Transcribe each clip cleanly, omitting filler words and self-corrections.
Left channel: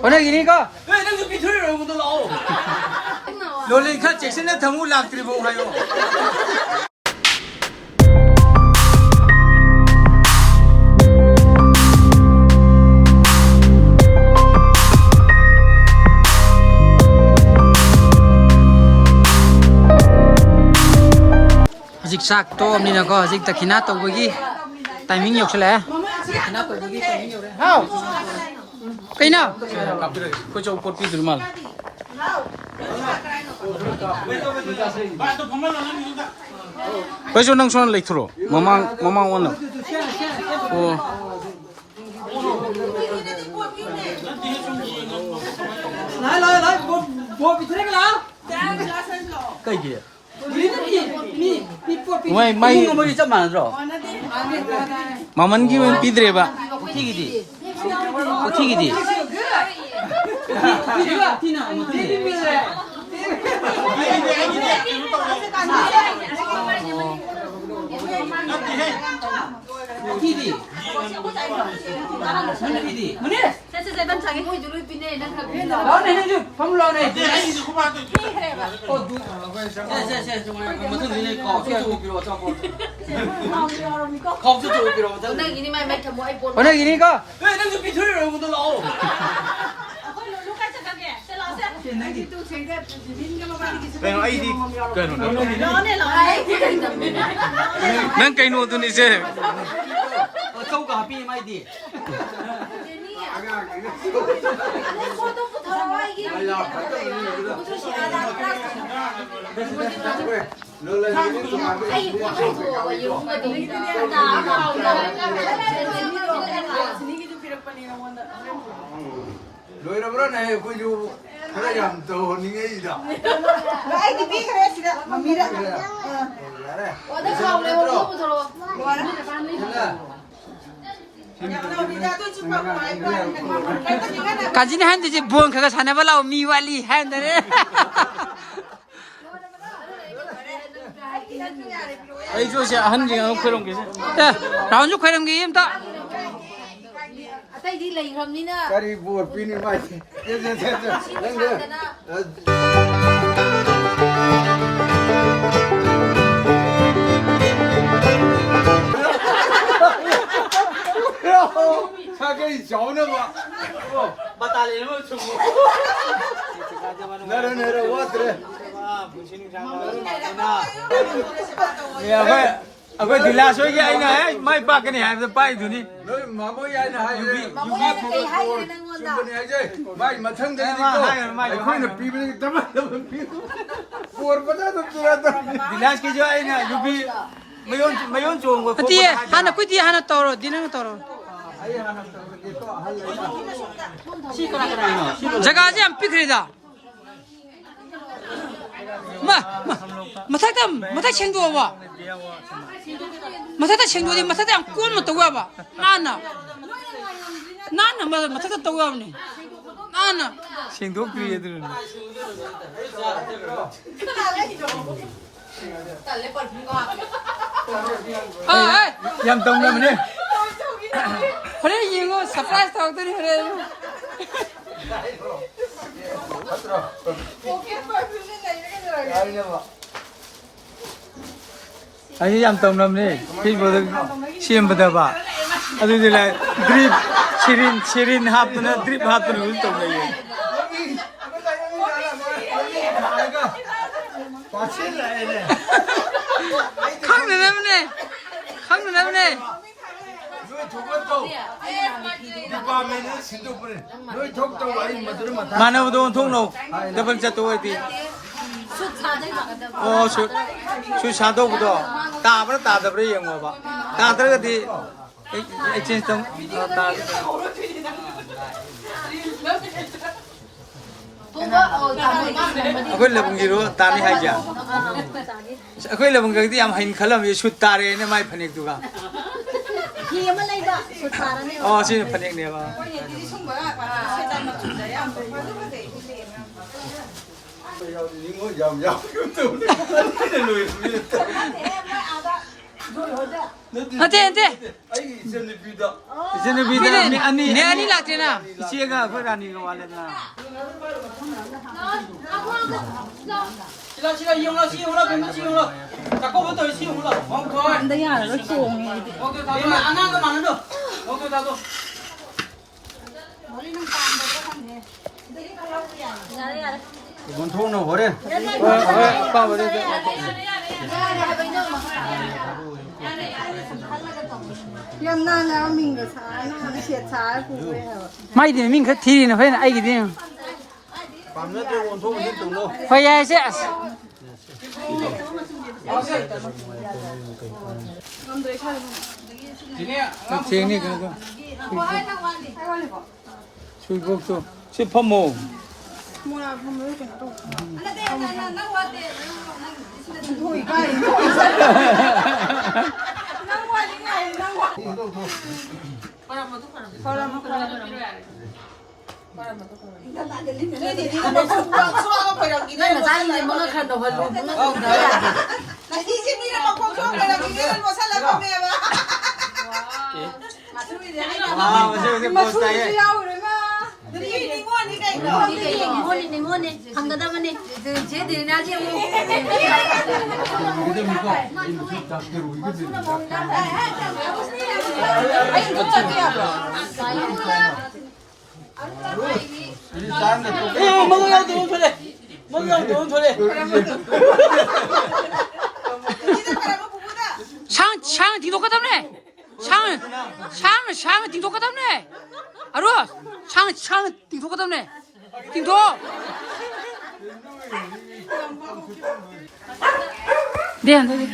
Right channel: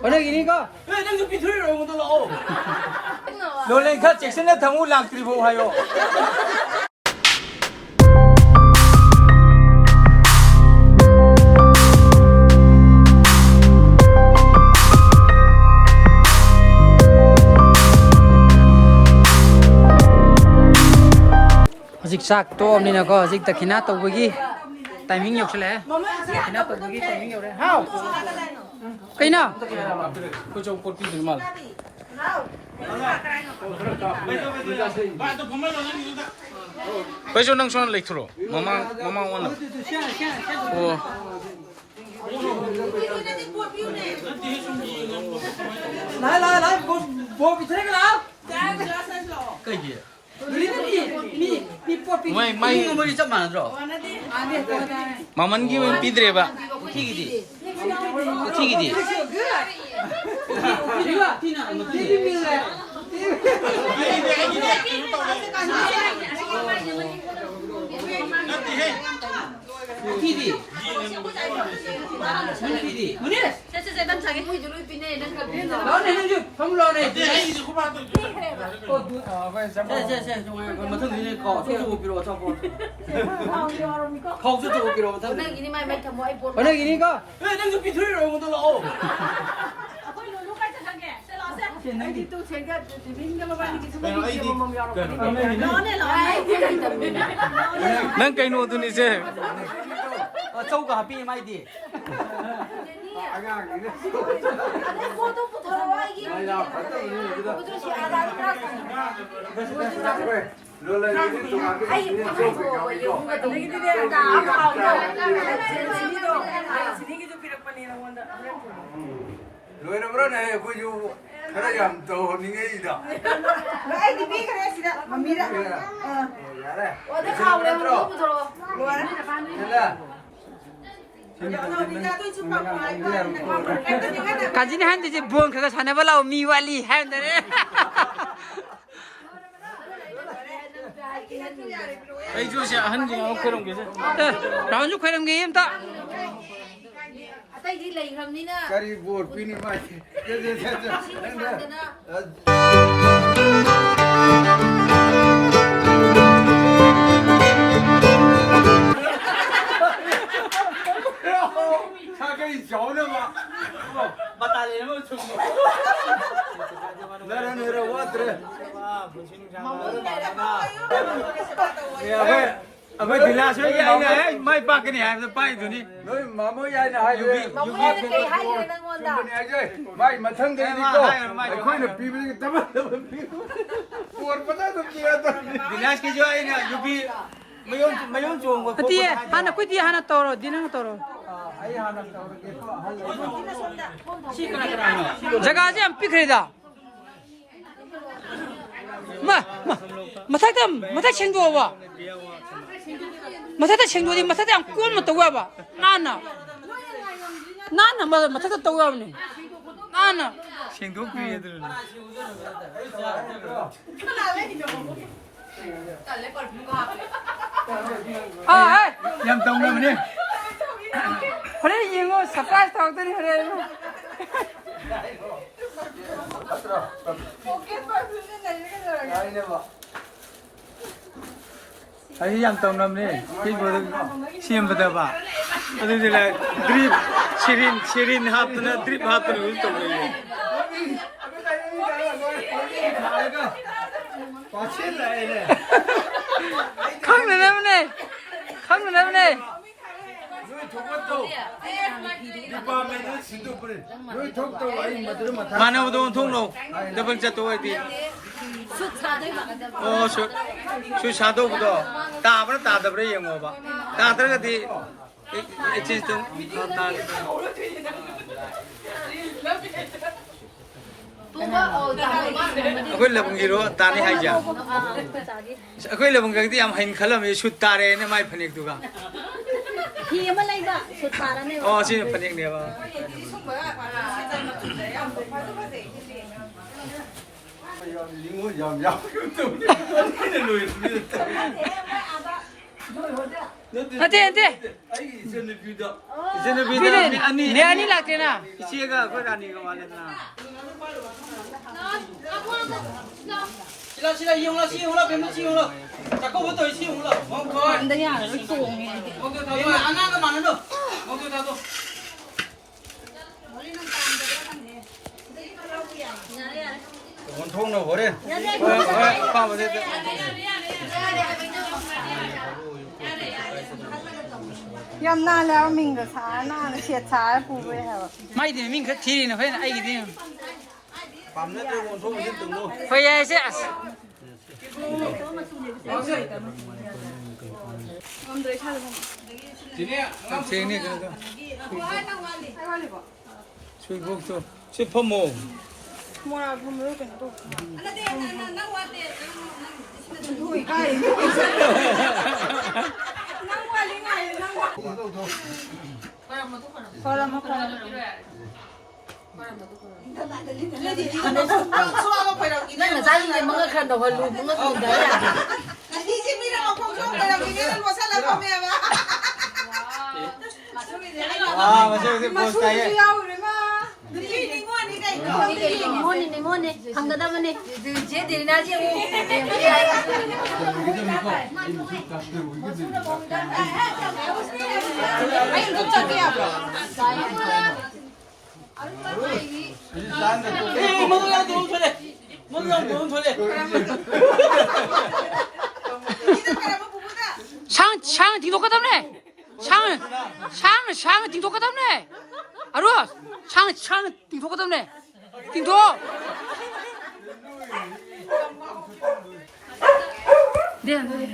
오늘 이니까 왜 내가 비틀이라고 못 나오? 놀래 카 잭슨에 더무 락트리보 하요. Dịch sạc tôm nên là có dịch ta khi nào tàu bagi timing nhiều sẽ lẽ khi nào tàu bagi timing nhiều đấy hao cái nào cô cho cột pin mal. Bây giờ đang xoắn lịch thổ, mama ôn lắm. Ồ. lại bộ bị thế cái nào cái gì? Mày mới chấp nhận rồi. maman ki men pidre ba. 튀기지. 튀기지. PD. PD. 오늘 이니까 왜 내가 비틀이라고 못 나오? Nang kain mo dun ise. châu cả pi mai đi. Rồi nó nói này cô chú cái này làm tổ những cái gì đó. Ai đi biết cái gì đó mà mi đó. 어디 가오래 너무 더러워. 가진 한데 이제 부엉 그거 사내발라오 미왈리 한데 Ai cho sẽ ăn gì nó không cái gì. 라운드ခွဲ게 임다 아따 이 레이 그럼니나. Cái đi buồn pin đi mày. Sao cái cháu nữa mà. Bắt ta lên nó chụp. Nere quá thế. Aku dila so cái anh này, mai ba cái này em bay rồi đi. Nói mà mới ai là hay rồi. 뭐 cây hay rồi đang ngon đó. Mày mà thân thế đi co. Mày khuyên là pin tắm pin. Buồn quá đó tôi đó. Dila cái gì anh nè, yubi. mấy ôn chuồng của 뒤에 하나 그 뒤에 하나 떨어 니는 떨어 제가 아직 안 삐그리다 마타다 마타 챙겨 봐 마타다 챙겨디 마타다 안 꾸면 또 와봐 나나 마타다 또 와보네 나나 Xin thuốc quý rồi. 아 Em tông lên đi. 그래 이거 서프라이즈 하거든 그래 Ai em tông lên đi. Khi vừa được xem bữa ba. Adu thì lại drip Shirin hap nó drip hap nó cũng tông lên. 강릉 Mana betul thong no. Double satu itu. Oh, su satu betul. Tak apa tak ada beri yang apa. Tak ada di exchange tong. Aku lebih kira tani aja. Aku lebih kira yang hin kalam ya shoot tare ni mai panik juga. Oh, sini panik ni apa? 안돼. 아이 이제는 비다. 이제는 비는 비대 아니 내 아니 락테나. 이제가 그라니가 와라나. 시간 이용라 시용라 뱀 시용라. 자꾸부터 시용라. 멍터. 안 되냐? 너 똥해. 멍터 다. 안 하는 거 많은데. 멍터 다도. 원통은 버려. Nhâm na là mình có xá, nó là xiết xá của người hả? 마이 되는 민 티리는 회 아이기 되는. 밤낮에 원통은 힘들고. 회야세. 쟁이 그거. 술복도 씹어모. Mua không biết cái tục. Thôi cái nó qua những ngày nó qua. Nên là ra gì mà khăn đầu hơn luôn, nó còn đấy à? Là khi chị đi nó không không là mình nghe nó sao lại không nghe mà. 아, 맞아. 이게 Mà 뭐 xui 스타일. xui nhau rồi mà. Đi ngon đi cái đó. đi môn đi, không cần đâu đi. Từ chế thì na chứ. 먹어야 돼 멍터래. 먹어야 돼 멍터래. 상 딩독하다네. 상 딩독하다네. 아루 상 딩독하다네. 딩독. 네 안돼.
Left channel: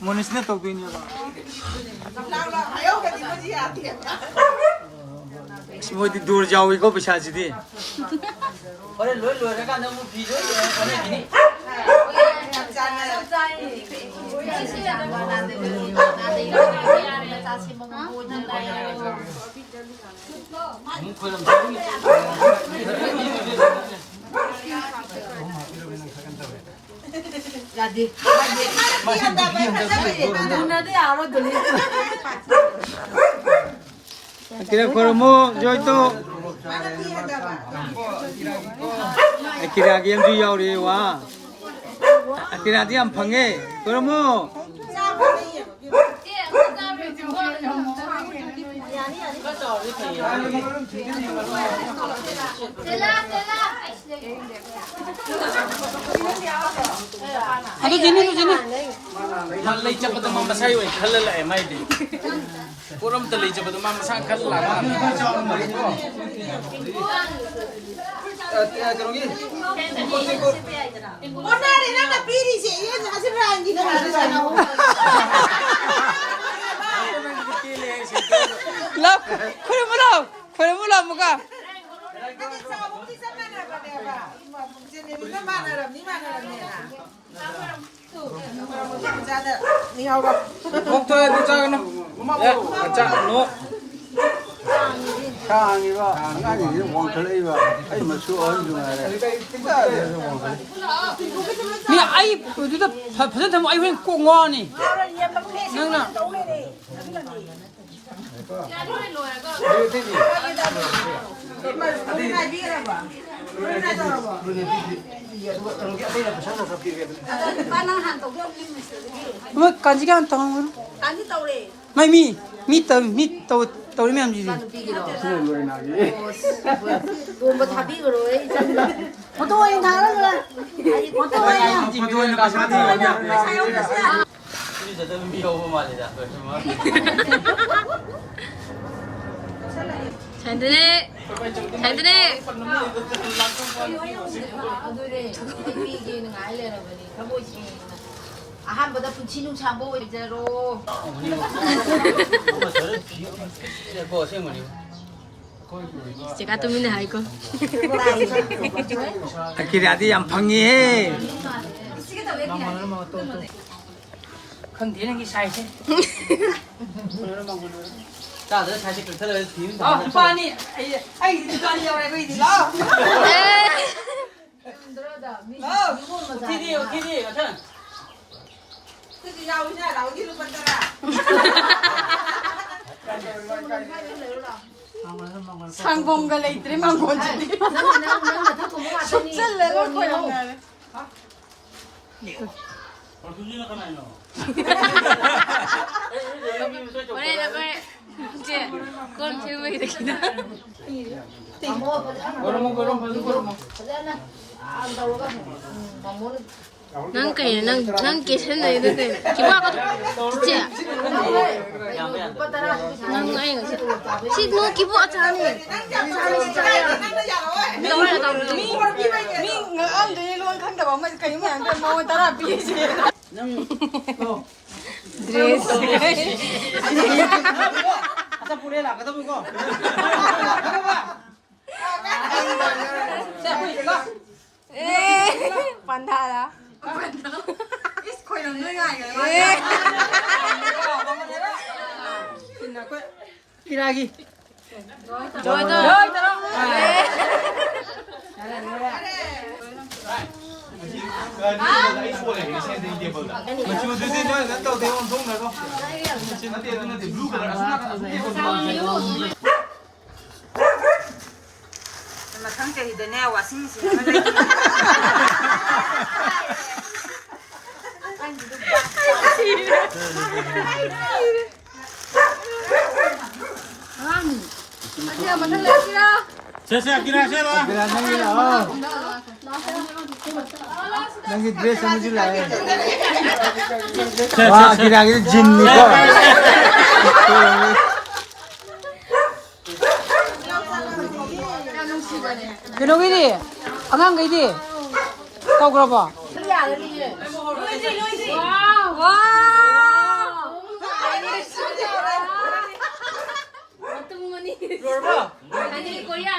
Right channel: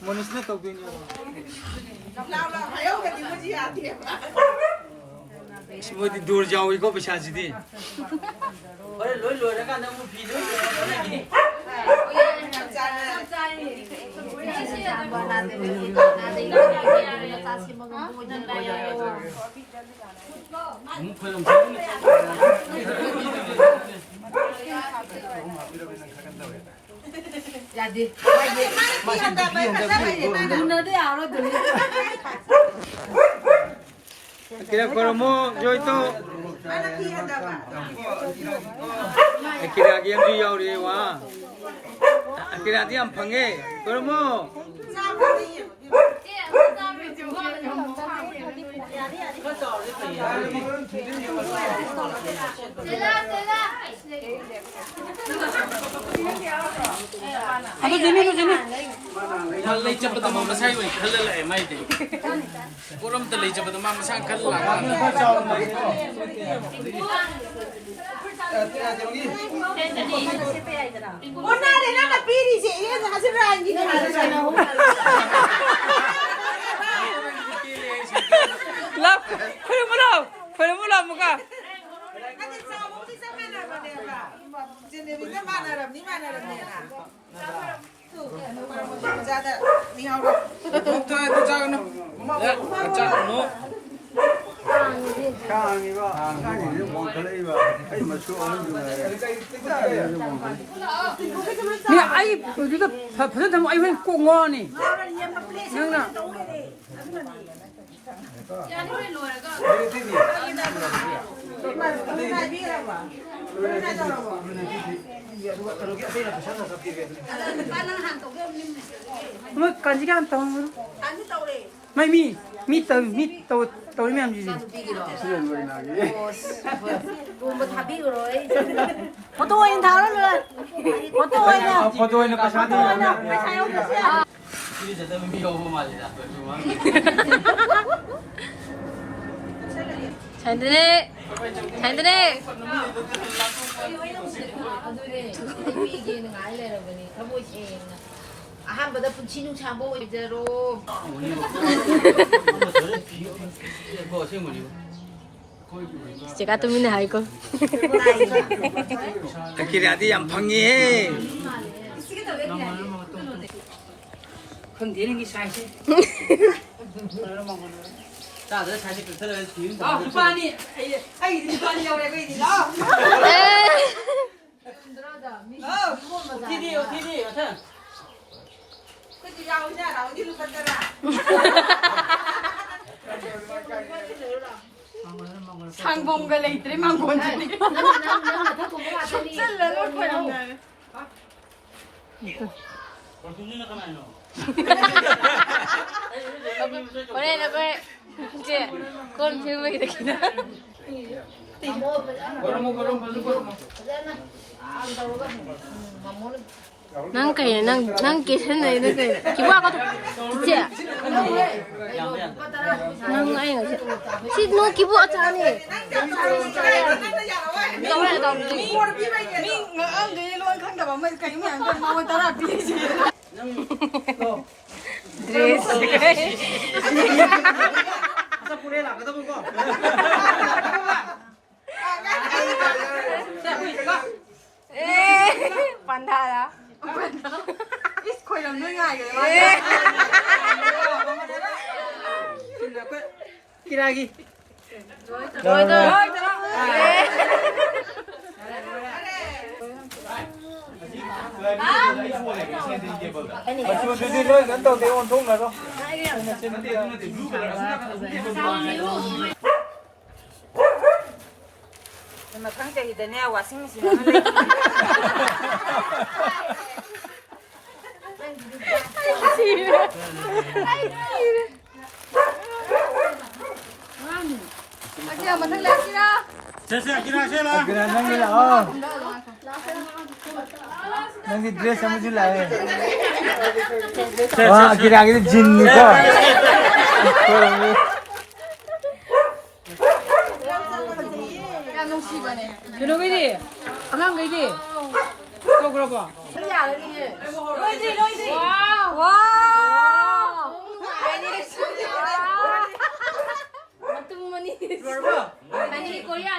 모니스네 또 그냥. Nào nào thấy không cái gì mà gì à thiệt. 뭐 दूर जाओ 이거 비싸지디. 어래 롤 내가 너무 비도. Là gì? Nó đi ảo nó từ đi. 그래 그러면 저또 기라기 엠디 야우리 와. 기라디 안 방에 그러면 아도 제네. 말레 이제부터 뭐 마사이 왜 칼rel래 마이디. 그럼 또 이제부터 맘 상 칼라. Hôm nay thì nó là pi đi chị, nó sẽ ra gì nữa hả? 라 그래 몰라 뭐가. Anh đi sao cũng đi sao mà nào mà đều à? Mà trên này nó mà nào làm, ní mà nào làm nè à? Ra đây, đi hầu rồi. 멍터에 도착하는. 자, 너. 상이가 상이 원통을 이거 아이 뭐 수원 중에. 네 아이 어디다 버전 아이 왜 꽁거니. 너나. Này biết đâu à? Này đâu à? 뭐 간지가 안 타면 미미미떠미떠떠리면 안 되지. Gồm một thằng biết rồi. Một tôi anh tháo rồi. Một tôi nha. 포도에는 비싸지. 우리 저도 미오고 말이다. 잘 드네. 잘 드네. 이기는 알레라 보니 가보시. 아한보다 분치는 참고 이제로. 뭐 생물이. 제가 또 믿는 아이고. 기라디 안 방에. không thể là cái sai chứ. 자, 내가 다시 그 틀어 뒤는. Pani, ai đi ra đi đâu này cái gì đó. 에. 디디요 디디 같은. 그 야오냐 나오기로 봤더라. 상봉가 레이트리만 고지. 나다 공부가 되니. 숫자를 거야. Boleh nak kau je. Kau cuma kita kena. Nang kaya nang kisah na ini tu. Cuma apa tu? Je. Nang kaya ni. Si dua kibu acar ni. Dress. Pandai lah. Kiragi. Joy tu. 나 상자이다 내와 싱싱. Saya kira saya. नंगी ड्रेस समझ लाए वाह गिरा गिरा जिन्नी को Keno gini di, angang gini di, kau berapa? Ani Korea.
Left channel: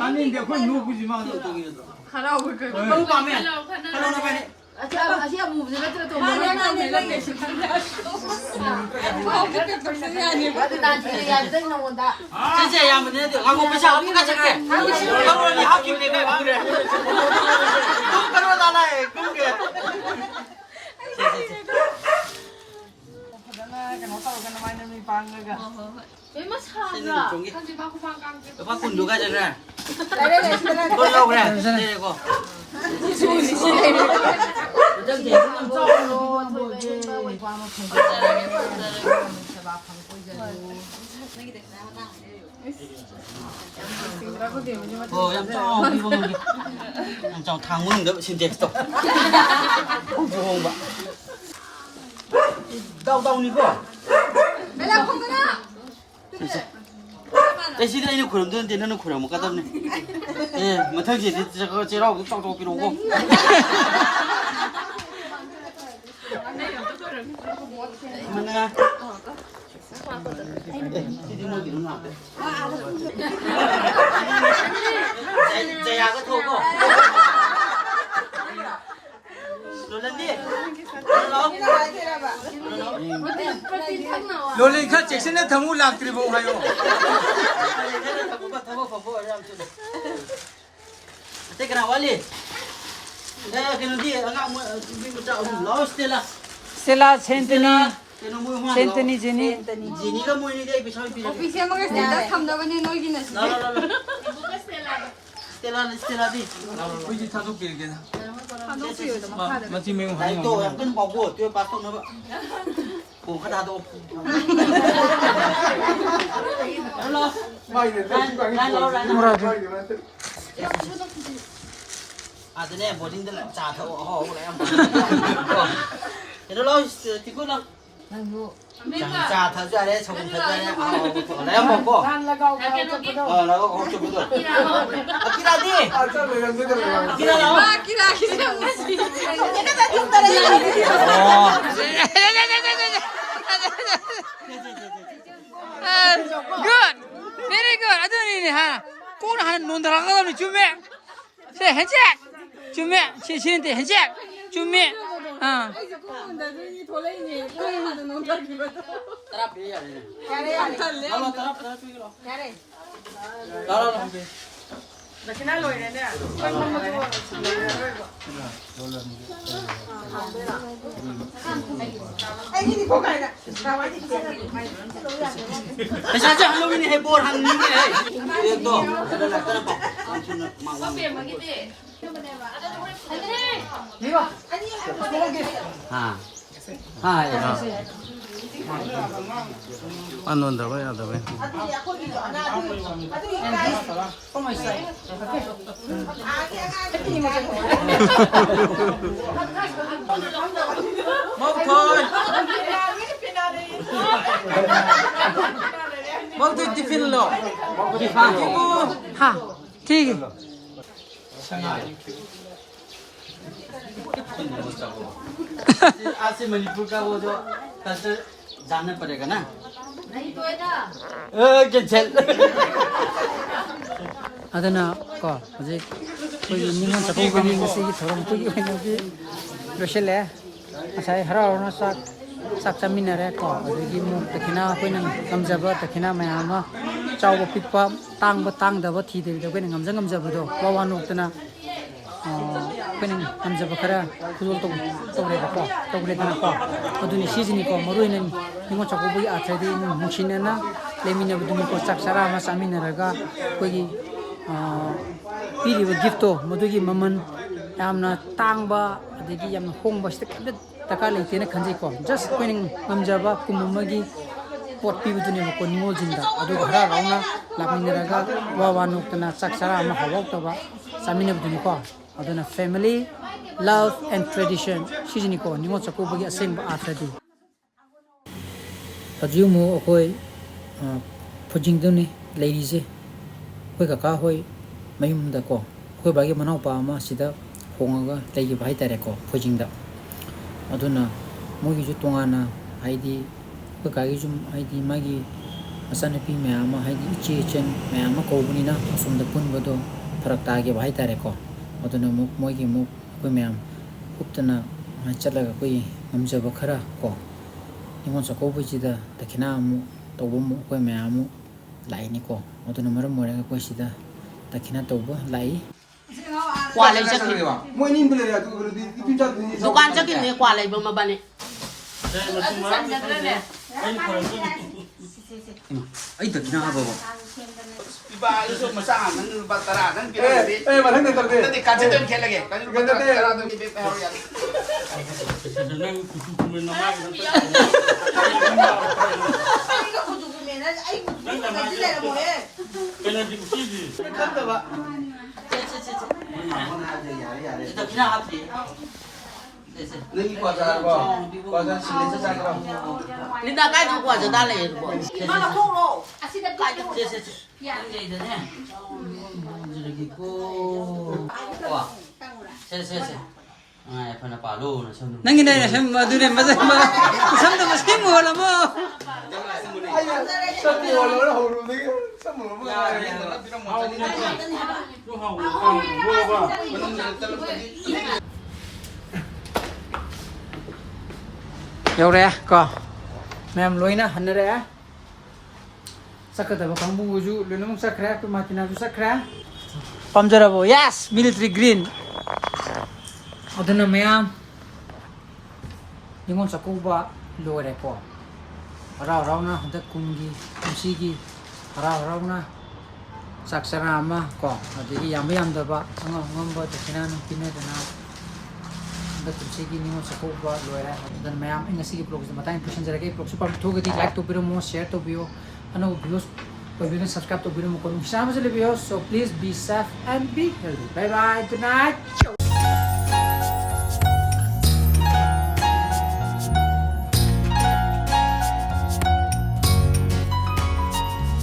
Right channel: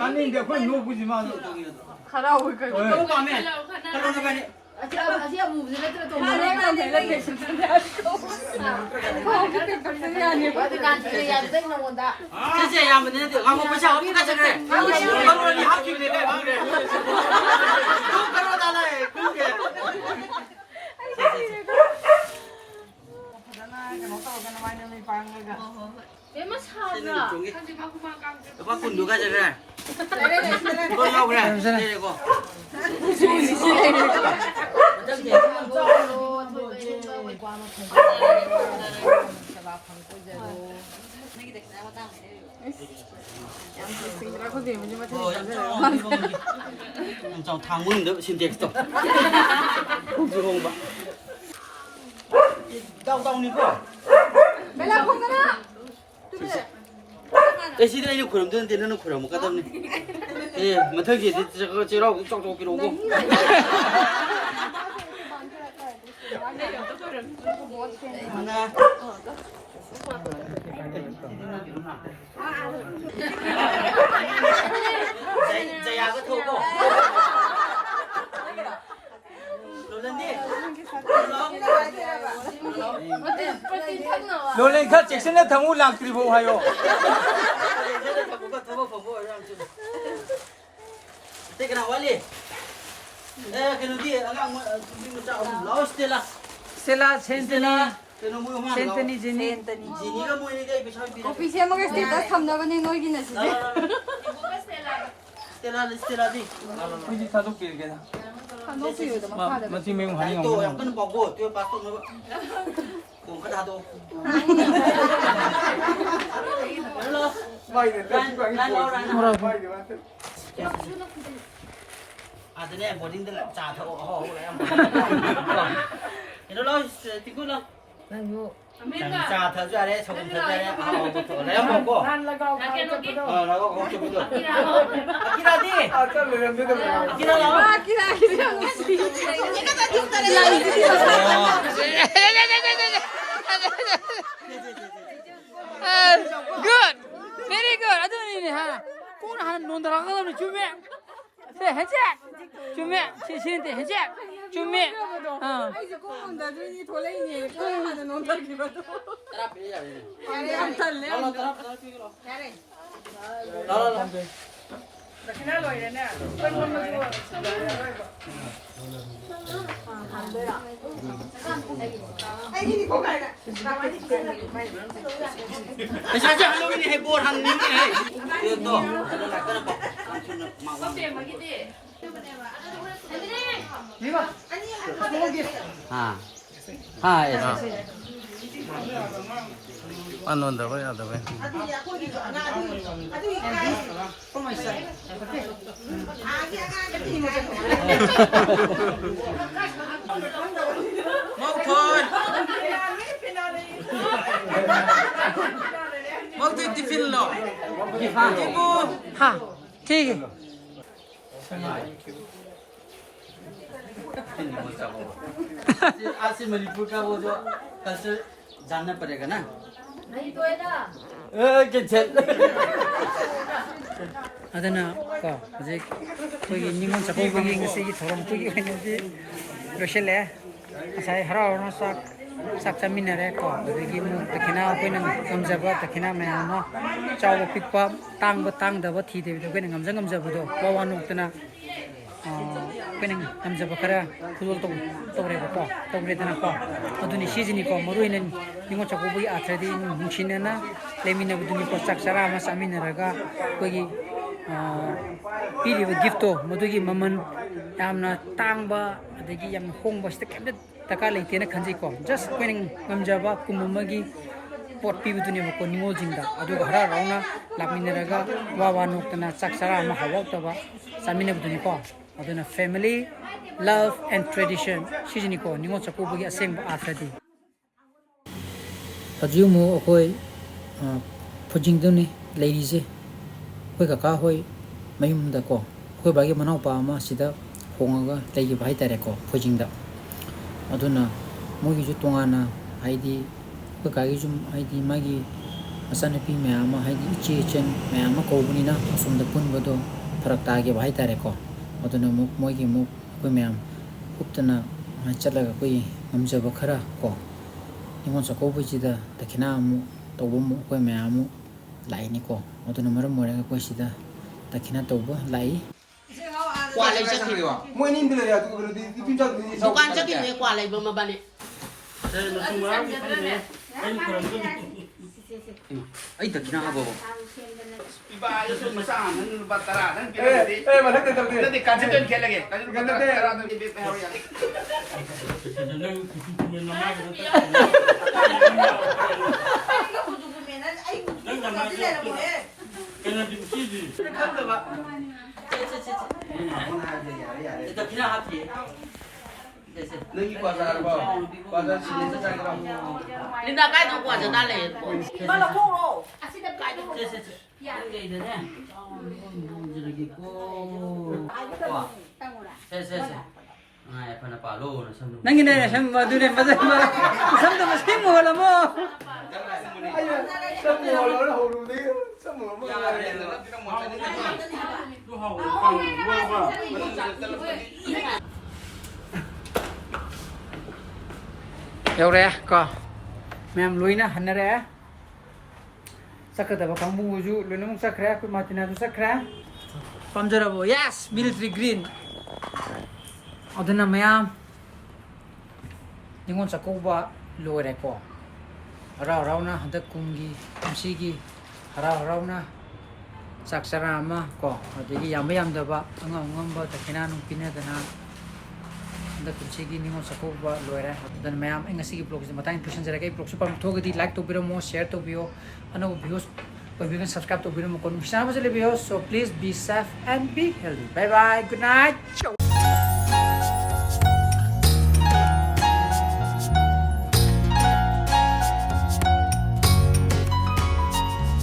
아니 근데 그걸 먹지 마 아시아 뭐 무슨 배트를 또 먹는 여기 나 뒤에 야 생각 나온다. Jadi yang mana tu? Kamu macam apa kacau kere? Kamu ni hak kiri kere, hak kiri. Kau kalau tak nak, kau ke? Memang sahaja. Kanji baku makan. Apa kundu kacau kere? Kau tahu kere? Kau. Oh, yang cong, yang cong tanggung tu sini tu. Không chịu hùng bạn. Đâu ni kok? Ê, xin đây khuẩn đơn tiền nó khuẩn một cái tâm này. Ê, mà thôi gì thì chế rau cũng cho cái đồ không? Mình à. Chạy à cái thô không? Rồi lên đi. लोले का चेक्शन ने थमू लाक्री वो है यो Thế cái nào quá đi? Đây cái nó đi, anh ông bị một trâu láo Stella. Stella Centeni Cái nó mua hoa. Centeni Jenny Jenny cái mua đi đây bị sao bị. 비세 먹을 때 감독은 놀긴 했어. Stella đi. 이제 다독 길게다 마치 뭐 Đấy 하냐 tôi em cứ bỏ của tôi bắt tôi nó vậy. Cùng cái đào tôi. À tôi này một đinh là trà thầu họ lại em. Cái đó lo thì cứ lo. ꯆꯥ ꯊꯛꯆꯔꯦ ꯁꯪꯒꯣꯝ ꯊꯛꯆꯔꯦ ꯂꯩꯔꯝ ꯃꯣꯀꯣ 나가 거기 보자 기라디 아 참 이런데도 기라 나와 good very good 아드님이 하 꼬는 하는 논 들어가면 주매 세 해제 주매 신신한테 해제 주매 나중에 돌레이니 하는 농담이거든. 사실 할로윈이 해볼 하는 게 또 안 온다고 해야 돼. 먹도 기필로 하 되게 आज से मणिपुर का वो जो कल्चर जानना पड़ेगा ना नहीं तो अदना को अजे कोई निमन सको कोई ngasi की थोरम कोई होने जी रोशले असai हरावना sak chaminare ko adegi mu takina koina ngamjaba takina mayama chawba pitpa tangdaba thide de koina ngamjaba do wawanu tana koina ngamjaba khara khulol tore ba ko tore dana ko aduni season ko maruina ningo chakobi athadi muchinana lemina buduni ko saksara ma saminaraga koigi piriba gifto madugi maman yamna tangba adegi yamna hongba sta kemda taka leitena khanjai ko just koina ngamjaba kumumagi pot pibuduni ko nimol jinda adu hara rauna laminaraga wawanu tana saksara ma hawak toba samina buduni ko aduna family love and tradition season ko ningo chakobi aseng ba athadi ajumu okoi phojingduni leirize koi kaka hoi mayumda ko koi bagi manau pa ma sida hongaga leigi bai tare ko phojingda aduna mogi ju tongana haidi koi kagi jum haidi magi asana pi me ama haidi ichi chen me ama ko bunina asumda punbodo farak ta ge bai tare ko aduna mogi mu koi me am uptana chalaga koi amjaba khara ko ningon chakobi jida takina mu tawmu koi me amu lai ni ko aduna maram morega koi sida takina tawba lai qua lấy chắc thì mỗi nim bữa là đi cho दुकान chắc thì qua lấy bông mà bạn này ai takina ha babo Iba itu masa aman batara kan mà thằng này tao đi Nanti kaji tuh kele lagi. Kaji tuh batara tuh di PHR ya. takina hatri Nâng quả ra xin lên sang đâu nhưng mà cái quả giờ ta lấy mà là không đâu vậy đấy nè rồi cái cô se ai phần là lô nó xong nãy cái này xem mà đưa đến mà xem tao mà xem mua là mua Sao mùa nó hầu rồi đấy Sao mùa nó Yo re ko mem loina hanare sakata ba kang bunguju lunung sakra ku matina du sakra pamjarabo yes military green aduna mayam ningon sakuba lore ko rau na handa kumgi kumsigi rau na saksara ama ko adigi yam da ba ngamba takina nung pinadana anda kunci ningon sakuba loira dan mayam ngasi vlog se matain person jara kai vlog super thogadi like to biro mo share to bio ano views ko video subscribe to biro mo kon sama jale bio so please be safe and be healthy bye bye good night